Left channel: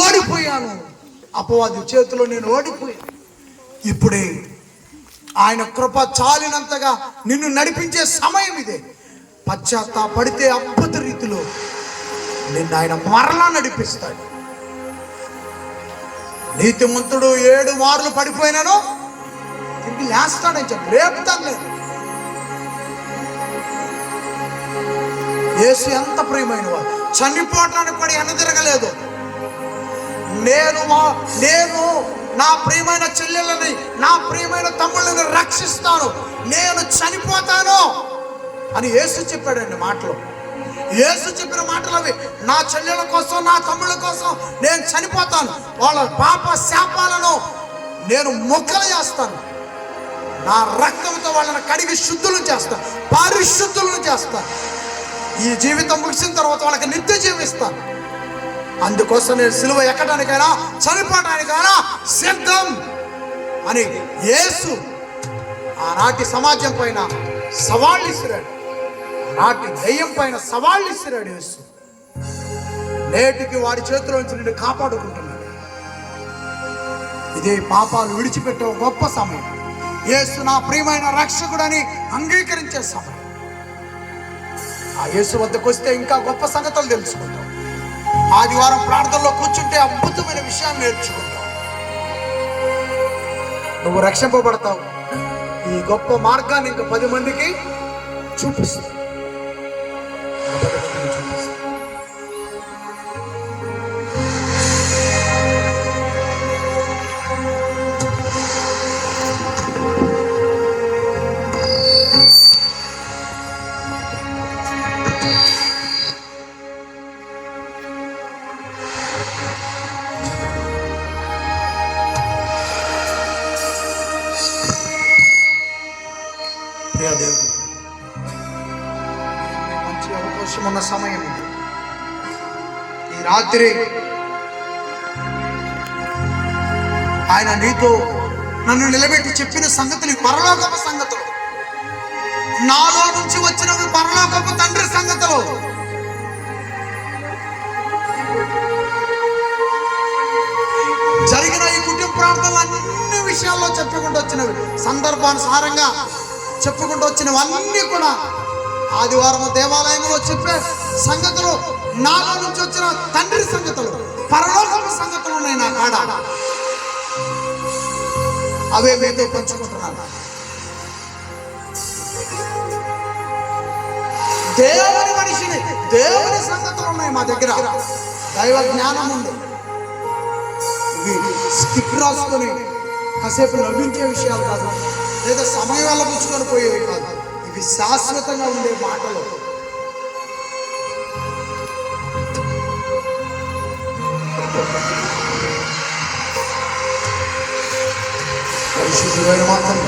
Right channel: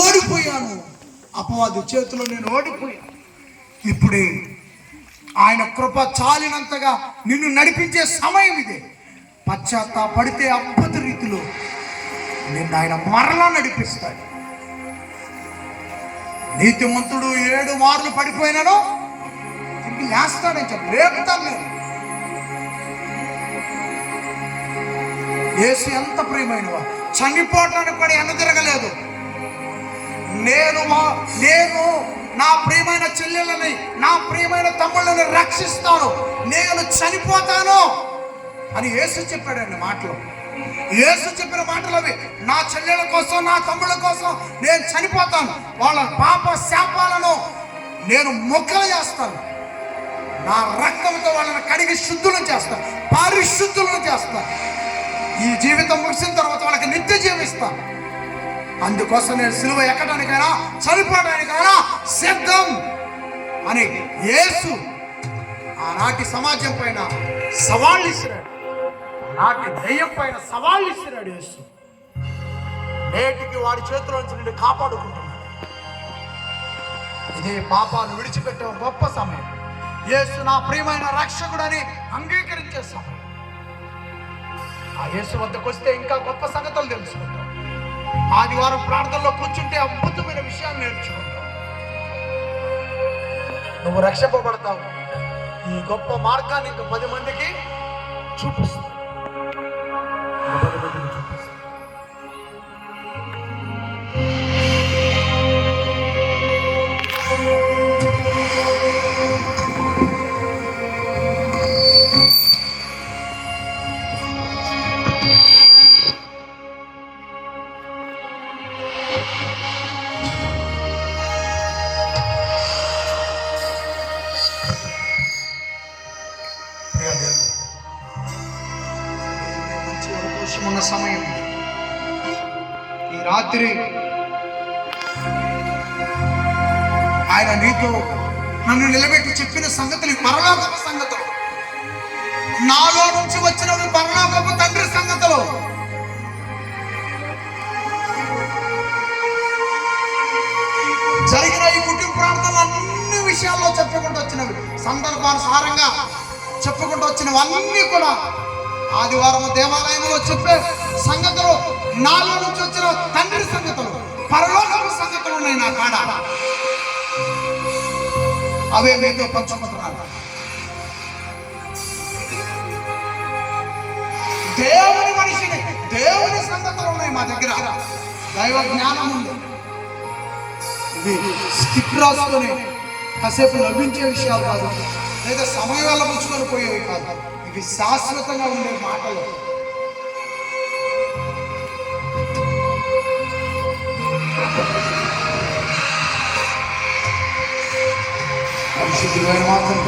ఓడిపోయాను. అపవాది చేతిలో నేను ఓడిపోయాను. ఇప్పుడే ఆయన కృప చాలినంతగా నిన్ను నడిపించే సమయం ఇదే. పశ్చాత్తాపడితే అద్భుత రీతిలో నిన్ను ఆయన మరలా నడిపిస్తాడు. నీతిమంతుడు ఏడు మార్లు పడిపోయినాను తిరిగి లేస్తాడని చెప్పి లేపుతాను నేను యేసు ఎంత ప్రియమైన వాడు చనిపోవటానికి కూడా ఎనదిరగలేదు నేను మా- నేను నా ప్రియమైన చెల్లెలని నా ప్రియమైన తమ్ముళ్ళని రక్షిస్తాను. నేను చనిపోతాను అని యేసు చెప్పాడండి మాటలు. యేసు చెప్పిన మాటలు అవి. నా చెల్లెల కోసం నా తమ్ముళ్ళ కోసం నేను చనిపోతాను. వాళ్ళ పాప శాపాలను నేను మొక్కలు చేస్తాను. నా రక్తంతో వాళ్ళని కడిగి శుద్ధులు చేస్తాను. ఈ జీవితం ముగిసిన తర్వాత వాళ్ళకి నిత్య జీవిస్తాను అందుకోసం నేను సిలువ ఎక్కడానికైనా చనిపోవడానికైనా సిద్ధం అని యేసు ఆనాటి సమాజం పైన సవాళ్ళు ఇస్తున్నాడు నాటి దయ్యం పైన సవాళ్ళు ఇస్తున్నాడు యేసు. నేటికి వాడి చేతిలోంచి నిన్ను కాపాడుకుంటున్నాడు. ఇదే పాపాలు విడిచిపెట్టే గొప్ప సమయం. యేసు నా ప్రియమైన రక్షకుడని అంగీకరించే సమయం. ఆ యేసు వద్దకు వస్తే ఇంకా గొప్ప సంగతులు తెలుసుకుంటాం. ఆదివారం ప్రార్థనలో కూర్చుంటే అద్భుతమైన విషయాన్ని నేర్చుకుంటాం. నువ్వు రక్షింపబడతావు. ఈ గొప్ప మార్గాన్ని ఇంకా పది మందికి చూపిస్తావు ఆ దేవుడు. మంచి అవకాశం ఉన్న సమయం ఈ రాత్రి ఆయన నీతో నన్ను నిలబెట్టి చెప్పిన సంగతులు పరలోకపు సంగతులు. నాలో నుంచి వచ్చినవి పరలోకపు తండ్రి సంగతులు. జరిగిన ఈ కుటుంబ ప్రార్థనలు అన్ని విషయాల్లో చెప్పుకుంటూ వచ్చినవి. సందర్భానుసారంగా చెప్పుకుంటూ వచ్చినవన్నీ కూడా ఆదివారం దేవాలయంలో చెప్పే సంగతులు నాలో నుంచి వచ్చిన తండ్రి సంగతులు పరలోకపు సంగతులు ఉన్నాయి నా కాడ. అవే మీతో పంచుకుంటున్నాను. దేవుని మనిషిని దేవుని సంగతులు ఉన్నాయి మా దగ్గర. దైవ జ్ఞానం ఉంది. స్కిప్ రాసుకొని కాసేపు లభించే విషయాలు కాదు. లేదా సమయాల పుచ్చుకొని పోయేవి కాదు. ఇవి శాశ్వతంగా ఉండే మాటలు. పరిశుద్ధులైన మాత్రమే